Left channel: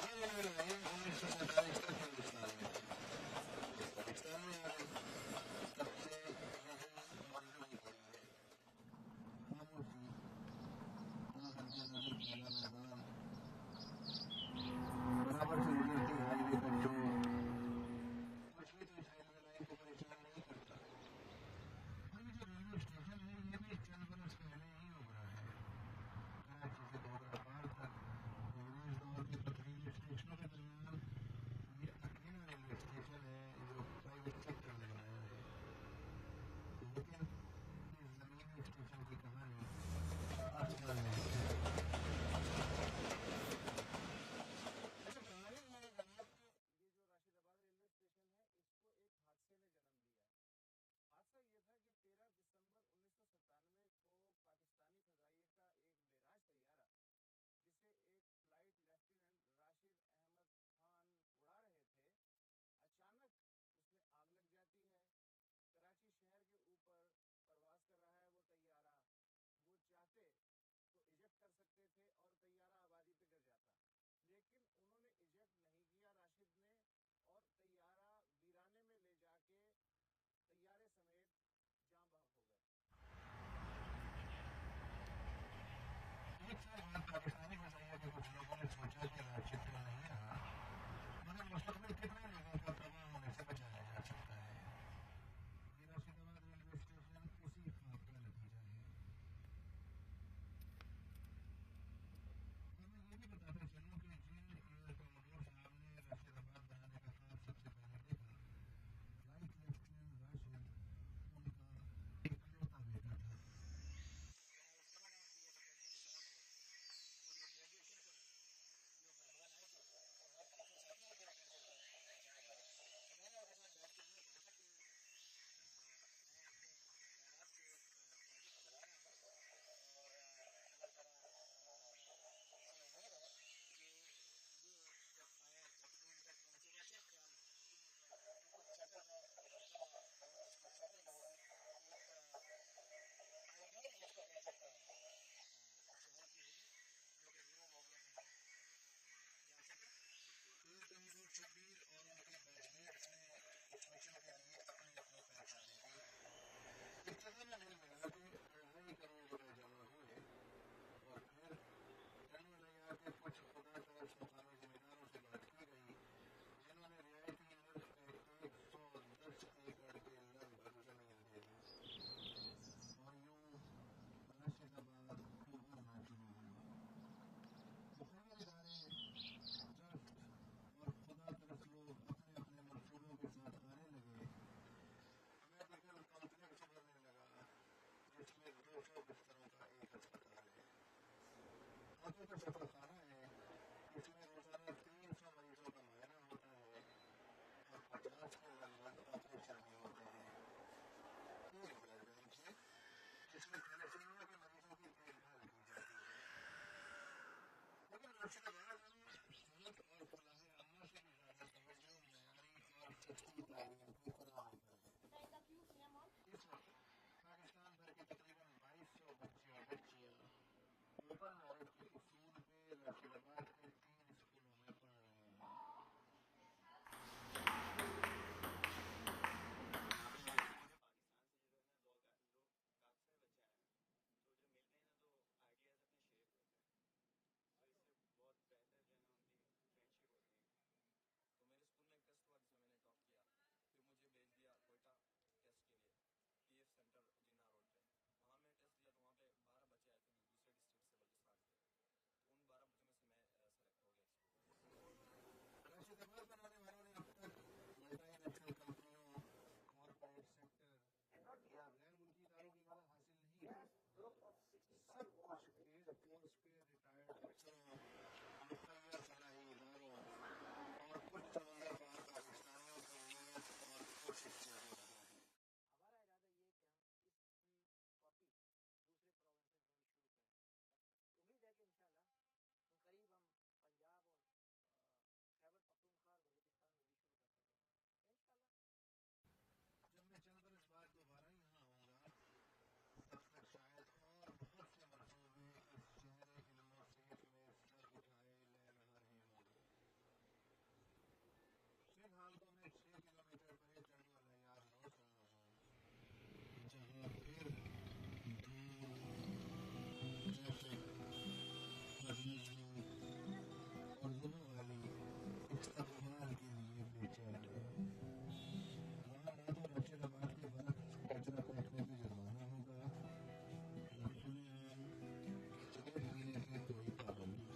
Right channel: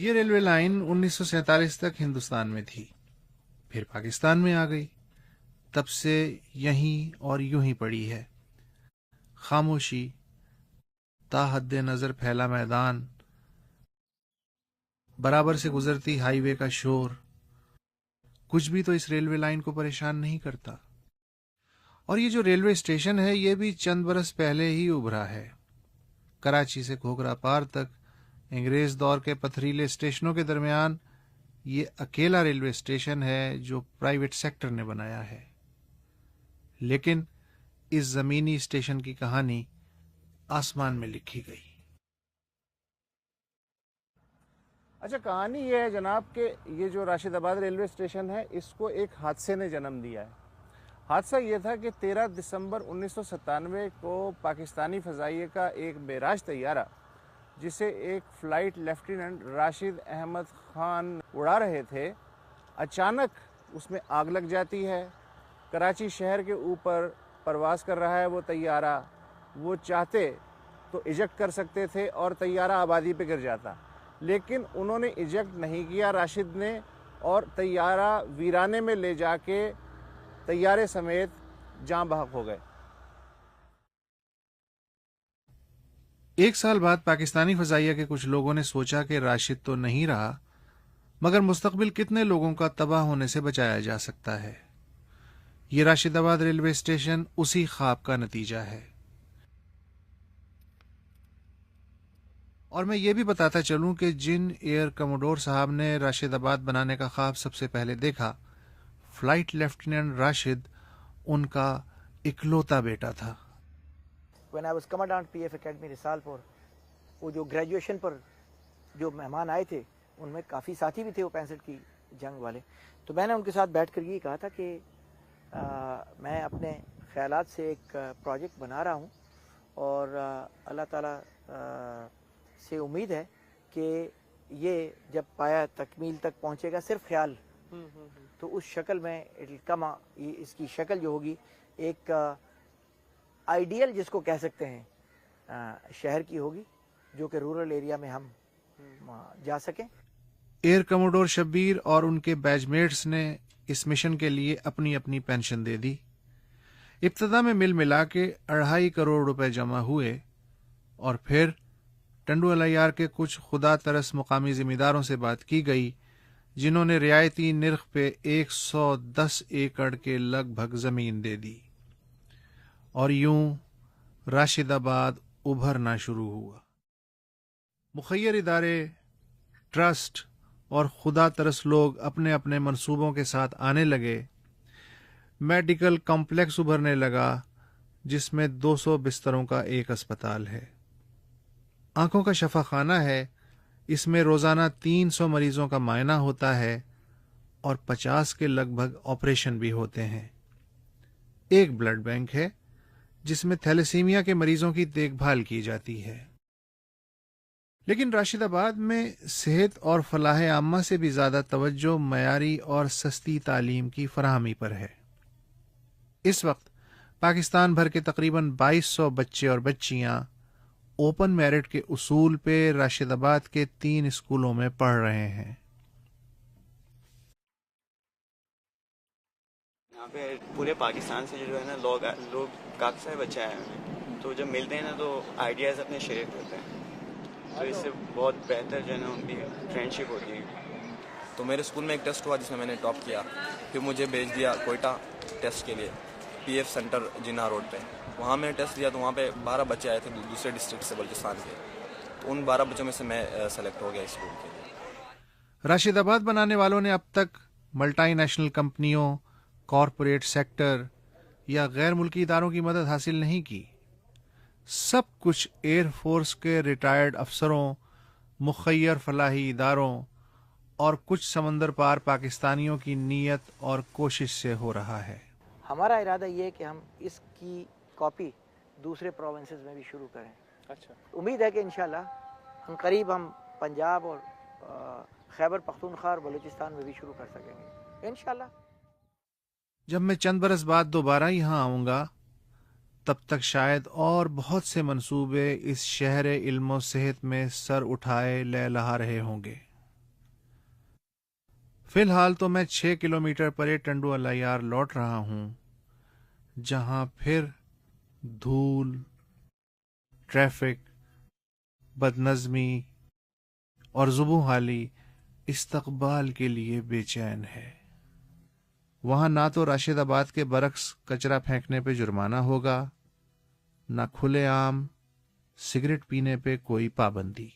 یہ railway line 1947 تک ہندوستان میں تھی، پھر پاکستان میں آ گئی، تب سے یہیں اور یوں ہی پڑی ہے، خاموشی، تا حد نظر پھیلا میدان، برابر سے گزرتی ہائی وے کا شور، کچھ بھی تو اس ریلوے لائن کو پریشان نہیں کرتا۔ اور یہ جو ریلوے اسٹیشن ہے یہ بھی چند برس پہلے ہی ابھرا ہے۔ کراچی سے گھوگھرا پار تک انگریز دور کے پتھریلے اسٹیشنوں کے درمیان یہ اکیلا ریلوے اسٹیشن ہے جو پرائیویٹ سیکٹر نے بنایا ہے، لیکن اس زمینی اسٹیشن کی کہانی آسمان میں لکھی گئی۔ اچھا، کہانی یہ ہے جناب کہ یہ جو راشد آباد ریلوے اسٹیشن ہے اس کو ایک حادثے نے جنم دیا ہے۔ حادثہ یہ تھا کہ 13 دسمبر 1997 کو پاکستانی فضائیہ کا ایک معراج طیارہ جسے ایک فلائٹ لیفٹیننٹ راشد احمد خان اڑا رہے تھے، اچانک اس میں آگ لگ جاتی ہے۔ کراچی شہر کے اوپر پرواز کر رہا ہے وہ طیارہ، وہ چاہتے تو ایجیکٹ کر سکتے تھے اور طیارہ آبادی پہ گر جاتا، لیکن انہوں نے ایجیکٹ نہیں کیا راشد نے، اور طیارہ ویرانے میں لے جا کے طیارے سمیت جاں بحق ہو گئے۔ ایک سال بعد پاکستانی فضائیہ کے کچھ لوگوں نے سوچا کہ راشد تو نہیں رہا، مگر مستقبل کتنے لوگوں کا تباہ ہونے سے بچایا جا سکتا ہے۔ یہ راشد آباد ریلوے اسٹیشن اسی خواب کا نتیجہ ہے۔ اور میں یہ بھی بتاتا چلوں کہ جن ایئر کموڈور صاحب نے راشد آباد بنانے کا خواب سب سے پہلے دیکھا، فلائٹ لیفٹیننٹ راشد ان کا اکلوتا بیٹا تھا۔ When I was commandant PF Academy Risalpur, وہ جو گریجویشن پر جو مہمان آئے تھے ان میں کافی ساتھی بھی تھے وہ 65 کی جنگ والے، تو میں نے ان کے ساتھ بیٹھ کر یہ کہا تھا کہ میں اپنے خیالات سے ایک پروجیکٹ بنا رہا ہوں، اور اللہ تعالیٰ سے امید ہے کہ یہ جب پایا تکمیل تک پہنچے گا، صرف خیال تو اس شکل میں اس کی شکل جو ہوگی ایک آئیڈیل جس کو کہہ سکتے ہیں شہر کی ہوگی، جو کہ رورل ایریا میں ہم جا سکیں۔ ایئر کموڈور شبیر اور ان کے بیچ میٹس نے اس مشن کے لیے اپنی اپنی پینشن دے دی۔ ابتدا میں مل ملا کے 2.5 کروڑ روپے جمع ہوئے، اور پھر ٹنڈو الیار کے کچھ خدا ترس مقامی ذمہ داروں سے بات کی گئی، جنہوں نے رعایتی نرخ پہ 110 ایکڑ کے لگ بھگ زمین دے دی، اور یوں راشد آباد ابھرنا شروع ہوا۔ مخیر ادارے، ٹرسٹ اور خدا ترس لوگ اپنے اپنے منصوبوں کے ساتھ آنے لگے۔ میڈیکل کمپلیکس ابھرنے لگا جس میں 200 بستروں کا ایک اسپتال ہے، آنکھوں کا شفا خانہ ہے، اس میں روزانہ 300 مریضوں کا معائنہ ہوتا ہے اور 50 کے لگ بھگ آپریشن بھی ہوتے ہیں۔ ایک بلڈ بینک ہے جس میں تھیلیسیمیا کے مریضوں کی دیکھ بھال کی جاتی ہے۔ لیکن راشد آباد میں صحت اور فلاح عامہ سے بھی زیادہ توجہ معیاری اور سستی تعلیم کی فراہمی پر ہے۔ اس وقت پاکستان بھر کے تقریباً 2200 بچے اور بچیاں اوپن میرٹ کے اصول پہ راشد آباد کے 3 اسکولوں میں پڑھ رہے ہیں۔ یہاں پہ پورے پاکستان سے جو ہے نا لوگ کافی سارے بچے آئے ہیں، تو جب ملتے ہیں نا تو آئیڈیاز اپنے شیئر کرتے ہیں، تو اس سے بہت بہتر جو ہے نا ان کی فرینڈ شپ ہوتی ہے۔ تو میرے اسکول میں ایک ٹیسٹ ہوا جس میں نے ٹاپ کیا، پھر مجھے بھیج دیا کوئٹہ ٹیسٹ کے لیے، پی ایف سینٹر جناح روڈ پہ۔ وہاں میں نے ٹیسٹ دیا تو وہاں پہ 12 بچے آئے تھے دوسرے ڈسٹرکٹ سے، بلوچستان کے، تو ان 12 بچوں میں سے میں سلیکٹ ہو گیا اس اسکول کے لیے۔ راشد آباد بنانے والوں نے اب تک ملٹی نیشنل کمپنیوں، کارپوریٹ سیکٹر یا غیر ملکی اداروں کی مدد حاصل نہیں کی، سب کچھ ایئر فورس کے ریٹائرڈ افسروں، مخیر فلاحی اداروں اور کچھ سمندر پار پاکستانیوں کی نیت اور کوشش سے ہو رہا ہے۔ ہمارا ارادہ یہ ہے کہ ہم اس کی کاپی دوسرے پروونسز میں بھی شروع کریں۔ اچھا، امید ہے کہ انشاءاللہ ہم قریب ہم پنجاب اور خیبر پختونخوا اور بلوچستان میں بھی شروع کر سکیں گے انشاءاللہ۔ جب میں چند برس بعد دوبارہ یہاں آؤں گا، تب تک شاید اور بہت سے منصوبے اس شہر علم و صحت میں سر اٹھائے لہلہا رہے ہوں گے۔ فی الحال تو میں 6 کلومیٹر پرے ٹنڈو الیار لوٹ رہا ہوں، جہاں پھر دھول، ٹریفک، بدنظمی اور زبوں حالی استقبال کے لیے بے چین ہے۔ وہاں نہ تو راشد آباد کے برعکس کچرا پھینکنے پہ جرمانہ ہوگا، نہ کھلے عام سگریٹ پینے پہ کوئی پابندی۔